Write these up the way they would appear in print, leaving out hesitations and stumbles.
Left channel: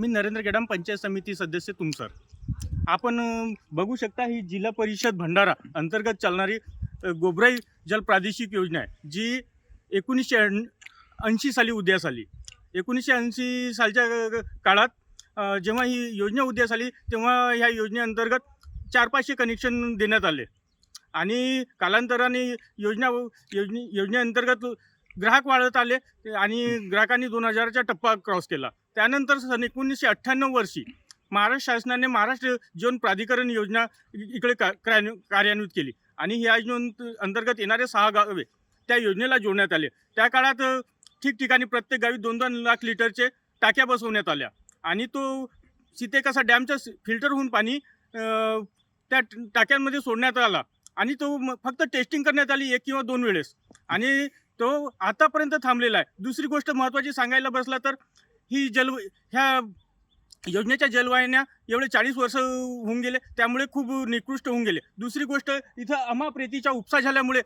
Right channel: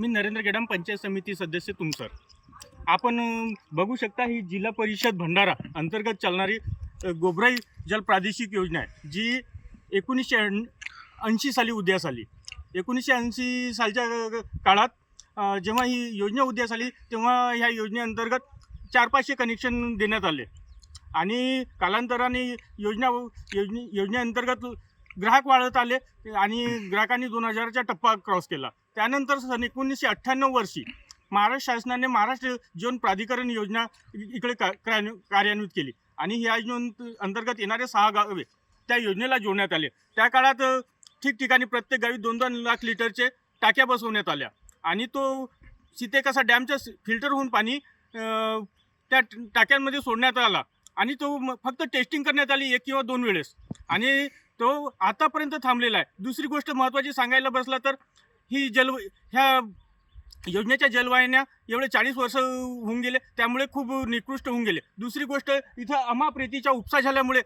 मी नरेंद्र गेडाम, पंचायत समिती सदस्य तुमसर. आपण बघू शकता ही जिल्हा परिषद भंडारा अंतर्गत चालणारी गोबराई जल प्रादेशिक योजना आहे, जी 1980 साली उदयास आली. 1980 सालच्या काळात जेव्हा ही योजना उदयास आली तेव्हा ह्या योजनेअंतर्गत 400-500 कनेक्शन देण्यात आले आणि कालांतराने योजनेअंतर्गत ग्राहक वाढत आले आणि ग्राहकांनी 2000चा टप्पा क्रॉस केला. त्यानंतर सन 1998 वर्षी महाराष्ट्र शासनाने महाराष्ट्र जीवन प्राधिकरण योजना इकडे कार्यान्वित केली आणि ह्या योजनेअंतर्गत येणारे 6 गावे त्या योजनेला जोडण्यात आले. त्या काळात ठिकठिकाणी प्रत्येक गावी 2-2 लाख लिटरचे टाक्या बसवण्यात आल्या आणि तो सीतेकसा डॅमच्या फिल्टर होऊन पाणी त्या टाक्यांमध्ये सोडण्यात आला आणि तो फक्त टेस्टिंग करण्यात आली 1 किंवा 2 वेळेस आणि तो आतापर्यंत थांबलेला आहे. दुसरी गोष्ट महत्त्वाची सांगायला बसला तर ही ह्या योजनेच्या जलवाहिन्या एवढे 40 वर्ष होऊन गेले, त्यामुळे खूप निकृष्ट होऊन गेले. दुसरी गोष्ट इथं अमाप रेतीचा उपसा झाल्यामुळे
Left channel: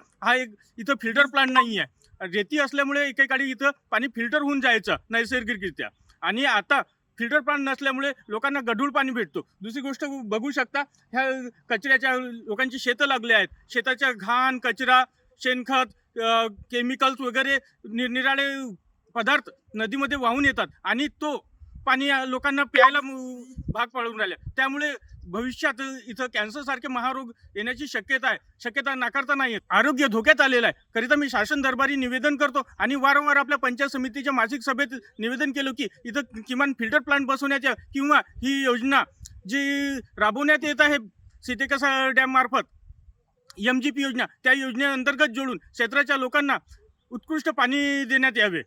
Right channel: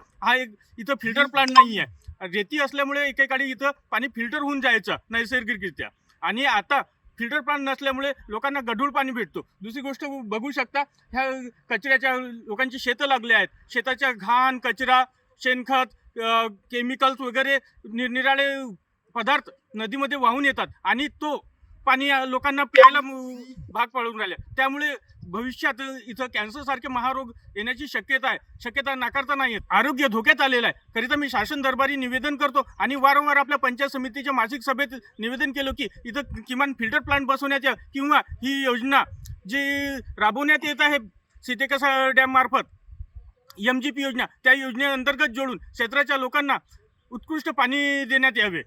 इथं फिल्टर प्लांट नाही आहे. रेती असल्यामुळे एकेकाळी इथं पाणी फिल्टर होऊन जायचं नैसर्गिकरित्या आणि आता फिल्टर प्लांट नसल्यामुळे लोकांना गढूळ पाणी भेटतो. दुसरी गोष्ट बघू शकता ह्या कचऱ्याच्या लोकांची शेतं लागले आहेत. शेताच्या घाण, कचरा, शेणखत, केमिकल्स वगैरे निरनिराळे पदार्थ नदीमध्ये वाहून येतात आणि तो पाणी लोकांना प्यायला भाग पडून राहिले. त्यामुळे भविष्यात इथं कॅन्सरसारखे महारोग येण्याची शक्यता नाकारता नाही येत. आरोग्य धोक्यात आलेलं आहे. करिता मी शासन दरबारी निवेदन करतो आणि वारंवार आपल्या पंचायत समितीच्या मासिक सभेत निवेदन केलं की इथं किमान फिल्टर प्लांट बसवण्याच्या किंवा ही योजना जी राबवण्यात येत आहे सीतेकसा डॅम मार्फत MGP योजना, त्या योजनेअंतर्गत जोडून क्षेत्राच्या लोकांना उत्कृष्ट पाणी देण्यात यावे.